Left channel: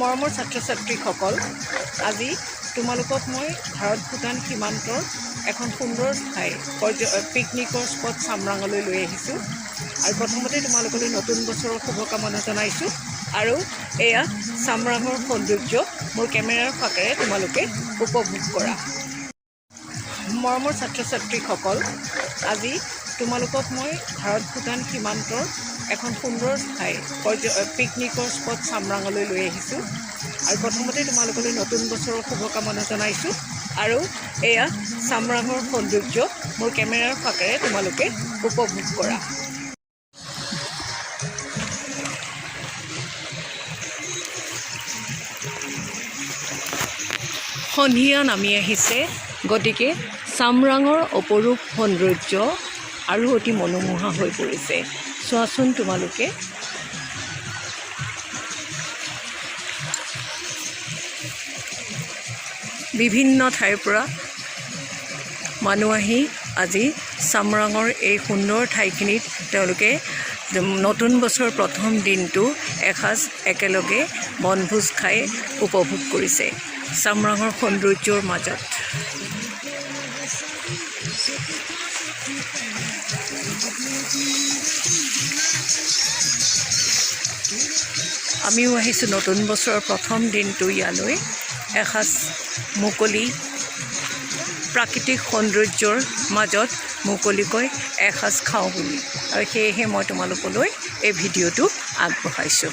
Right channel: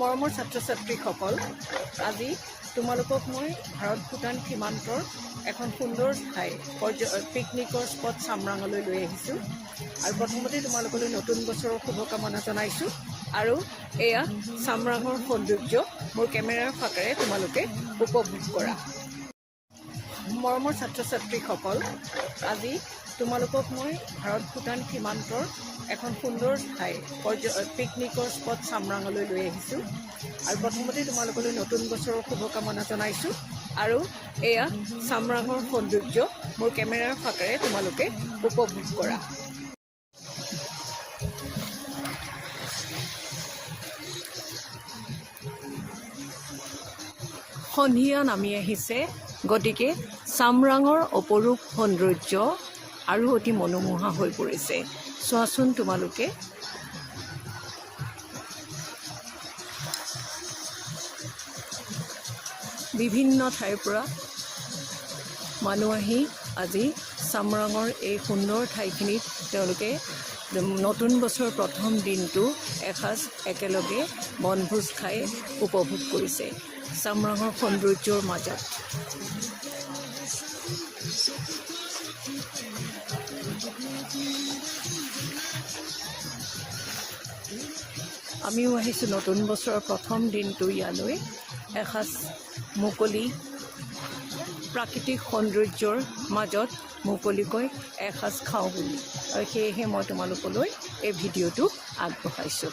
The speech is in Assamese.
মৰমৰ ছাত্ৰ-ছাত্ৰীসকল, আজি তোমালোকক মই ভাৰত ভূটান সীমান্তৰ এখন সুন্দৰ ঠাই পিকনিকৰ স্পট চামৰাঙলৈ লৈ আহিছোঁ। আৰু প্ৰথমতে তোমালোকলৈ নতুন বছৰৰ শুভকামনা জনাইছোঁ। আৰু এয়া চামৰাঙৰ সৌন্দৰ্য মোৰ কেমেৰাৰ ফাকেৰে তোমালোকে উপভোগ কৰা। মৰমৰ ছাত্ৰ-ছাত্ৰীসকল, আজি তোমালোকক মই ভাৰত ভূটান সীমান্তৰ এখন সুন্দৰ ঠাই পিকনিকৰ স্পট চামৰাঙলৈ লৈ আহিছোঁ। আৰু প্ৰথমতে তোমালোকলৈ নতুন বছৰৰ শুভকামনা জনাইছোঁ। আৰু এয়া চামৰাঙৰ সৌন্দৰ্য মোৰ কেমেৰাৰ ফাকেৰে তোমালোকে উপভোগ কৰা। সন্ধিয়া নামি আহিছে, গতিকে চামৰাঙৰ অপৰূপ সৌন্দৰ্য আৰু অতি মনোমোহা হৈ পৰিছে। চোৱাচোন তোমালোকে। বিভিন্ন ঠাইৰ পৰা মানুহ আহি আজি চামৰাঙৰ এই সুন্দৰ ঠাইখিনিত তেওঁলোকে নতুন বছৰ প্ৰথম দিনটো এসাঁজ একেলগে বনভোজ খাই উপভোগ কৰিছে চামৰাঙৰ সৌন্দৰ্যৰ মাজত। আমিও আহিছোঁ নতুন বছৰৰ প্ৰথম দিনটো ইয়ালৈ এসাঁজ মুকলি প্ৰাকৃতিক সৌন্দৰ্যৰ মাজত মুকলিকৈ এসাঁজ খাওঁ বুলি। আৰু সেয়েহে মই তোমালোকলৈ এই ভিডিঅ'টো আগবঢ়াইছোঁ।